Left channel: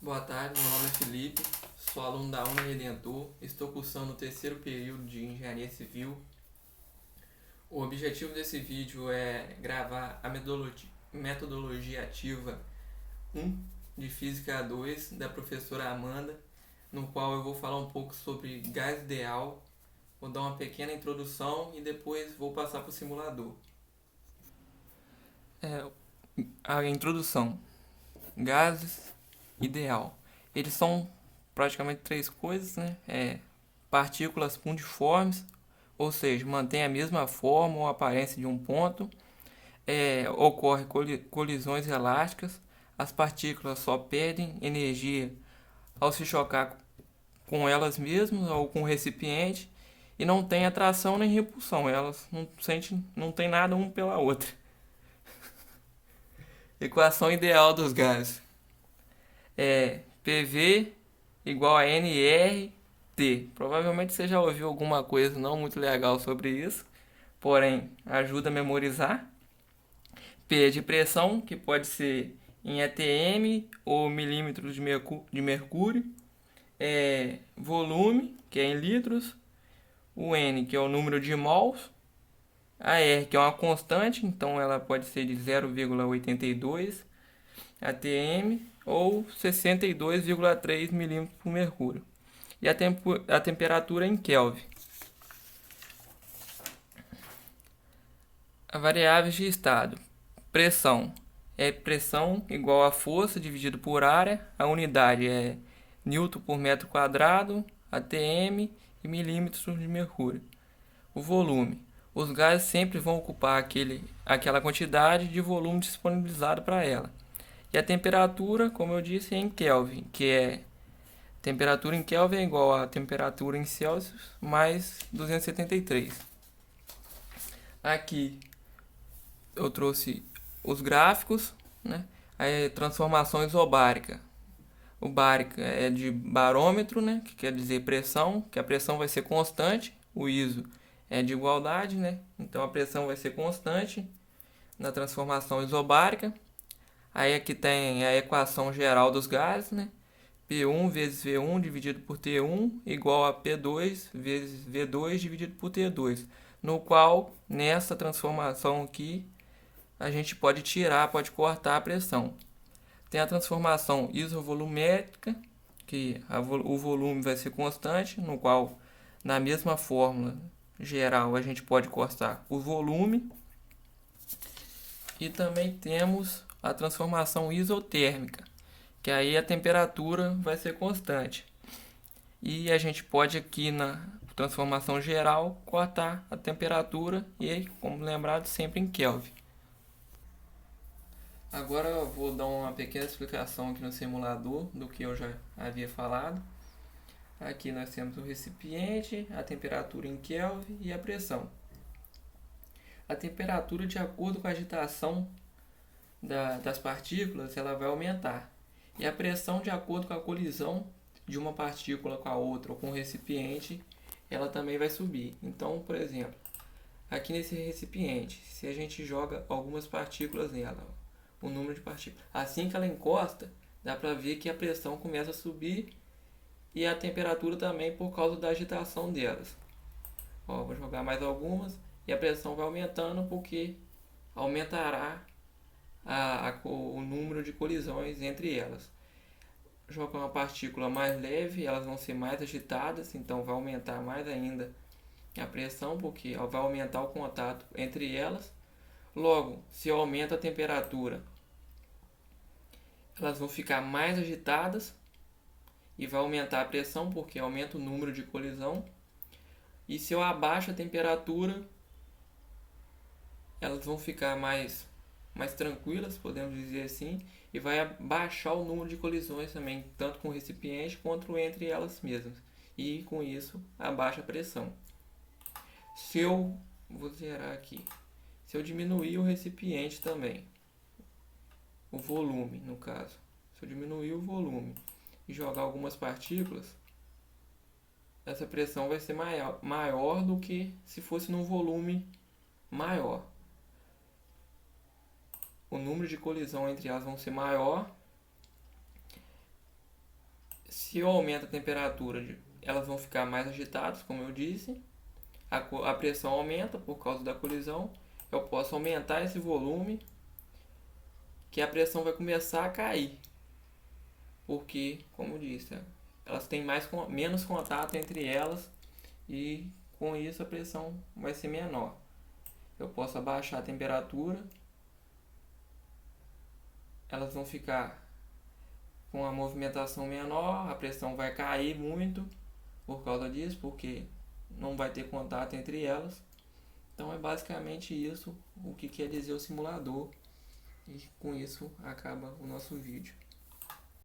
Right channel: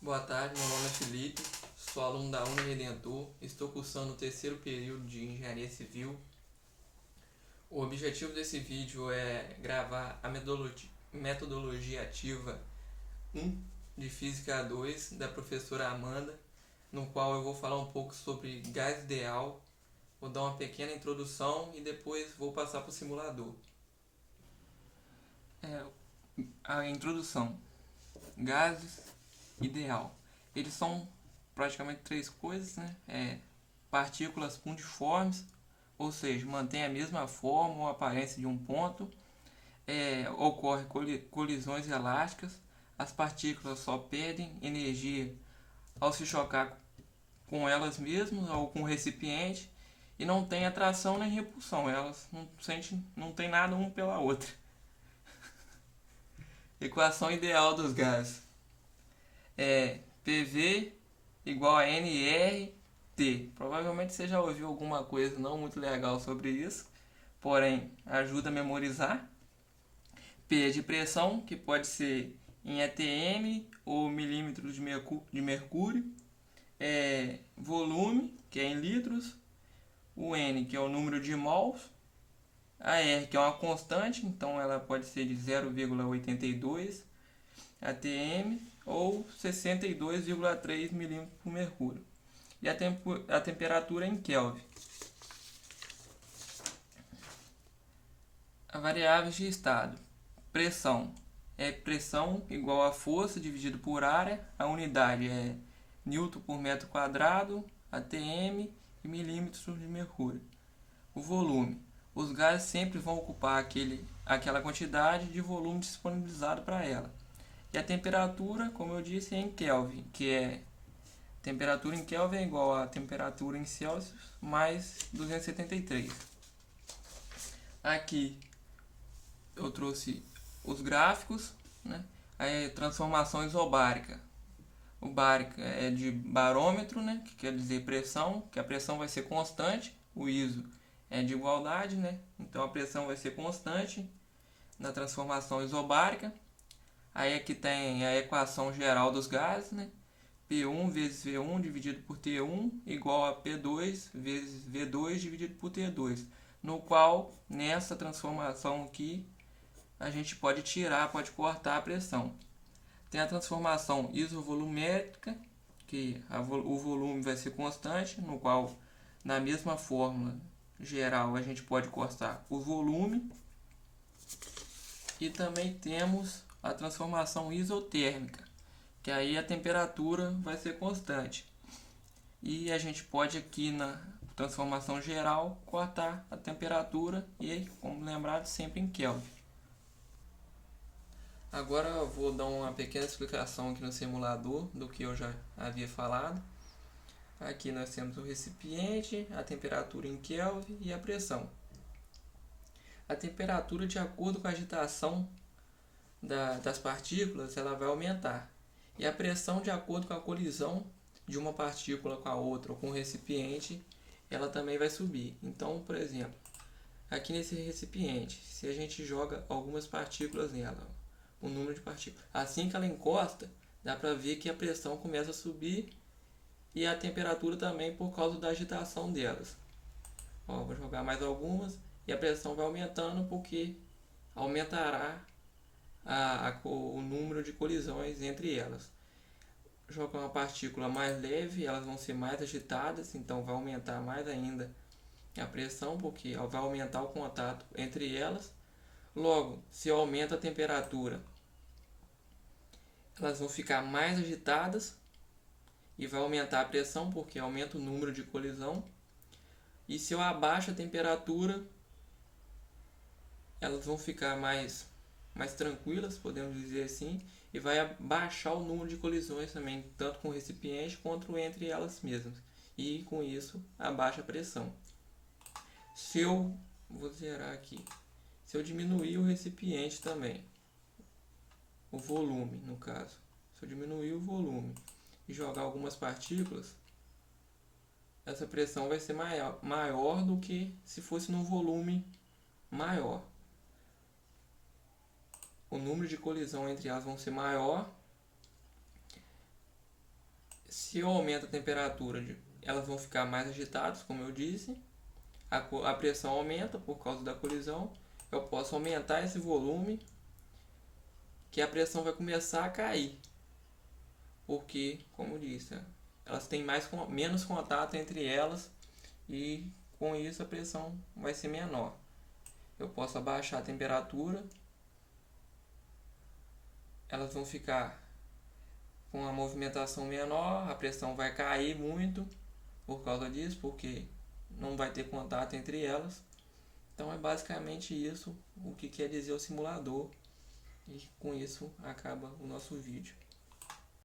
Boa tarde, meu nome é Felipe, sou aluno da Uniredentor, estou cursando o terceiro período de Engenharia Civil. O objetivo desse vídeo é gravar a metodologia ativa 1 de Física 2 da professora Amanda, no qual eu vou falar um pouco sobre gás ideal, vou dar uma pequena introdução e depois vou passar para o simulador. A introdução. Gases ideal. Eles são praticamente três coisas, né? Partículas pundiformes, ou seja, mantém a mesma forma ou aparência de um ponto. Ocorre colisões elásticas. As partículas só perdem energia ao se chocar com elas mesmas ou com o recipiente e não tem atração nem repulsão. Elas não tem nada uma pela outra. Equação ideal dos gases é PV igual a nRT. Provavelmente você já ouviu alguma coisa não muito legal sobre isso, porém ajuda a memorizar. P é de pressão, que pode ser em atm ou milímetros de mercúrio. Volume, que é em litros. O N, que é o número de mols. A R, que é uma constante, então ela pode ser de 0,82 atm ou 62,3 milímetros por mercúrio. E a temperatura em Kelvin. A variáveis de estado. Pressão é pressão igual a força dividido por área. A unidade é Newton por metro quadrado, atm e milímetros de mercúrio. O volume. Os gases sempre vão ocupar aquela quantidade de volume disponibilizado para ela. E a temperatura, como eu disse, é em Kelvin, que é temperatura em Kelvin é igual a temperatura em Celsius mais 273. Aqui eu trouxe os gráficos, né? Transformação isobárica. O bárica é de barômetro, né? Que quer dizer pressão, que a pressão vai ser constante. O ISO é de igualdade, né? Então a pressão vai ser constante na transformação isobárica. Aí aqui tem a equação geral dos gases, né? P1 vezes V1 dividido por T1 igual a P2 vezes V2 dividido por T2, no qual, nessa transformação aqui, a gente pode pode cortar a pressão. Tem a transformação isovolumétrica, que o volume vai ser constante, no qual, na mesma fórmula geral, a gente pode cortar o volume. E também temos a transformação isotérmica, que aí a temperatura vai ser constante. E a gente pode aqui na transformação geral cortar a temperatura e, como lembrado, sempre em Kelvin. Agora eu vou dar uma pequena explicação aqui no simulador do que eu já havia falado. Aqui nós temos o recipiente, a temperatura em Kelvin e a pressão. A temperatura, de acordo com a agitação das partículas, ela vai aumentar. E a pressão, de acordo com a colisão de uma partícula com a outra ou com o recipiente, ela também vai subir. Então, por exemplo, aqui nesse recipiente, se a gente joga algumas partículas nela, o número de partículas, assim que ela encosta, dá para ver que a pressão começa a subir e a temperatura também por causa da agitação delas. Vou jogar mais algumas e a pressão vai aumentando porque aumentará o número de colisões entre elas. Jogar uma partícula mais leve, elas vão ser mais agitadas, então vai aumentar mais ainda a pressão, porque vai aumentar o contato entre elas. Logo, se aumenta a temperatura, elas vão ficar mais agitadas e vai aumentar a pressão, porque aumenta o número de colisão. E se eu abaixo a temperatura, elas vão ficar mais tranquilas, podemos dizer assim, e vai baixar o número de colisões também, tanto com o recipiente quanto entre elas mesmas. E com isso, abaixa a pressão. Vou zerar aqui. Se eu diminuir o recipiente também, o volume no caso, se eu diminuir o volume e jogar algumas partículas, essa pressão vai ser maior do que se fosse num volume maior. O número de colisão entre elas vão ser maior Se eu aumento a temperatura, elas vão ficar mais agitadas, como eu disse. A pressão aumenta por causa da colisão. Eu posso aumentar esse volume, que a pressão vai começar a cair. Porque, como eu disse, elas têm menos contato entre elas e com isso a pressão vai ser menor. Eu posso abaixar a temperatura, elas vão ficar com a movimentação menor, a pressão vai cair muito por causa disso, porque não vai ter contato entre elas. Então é basicamente isso o que quer dizer o simulador, e com isso acaba o nosso vídeo.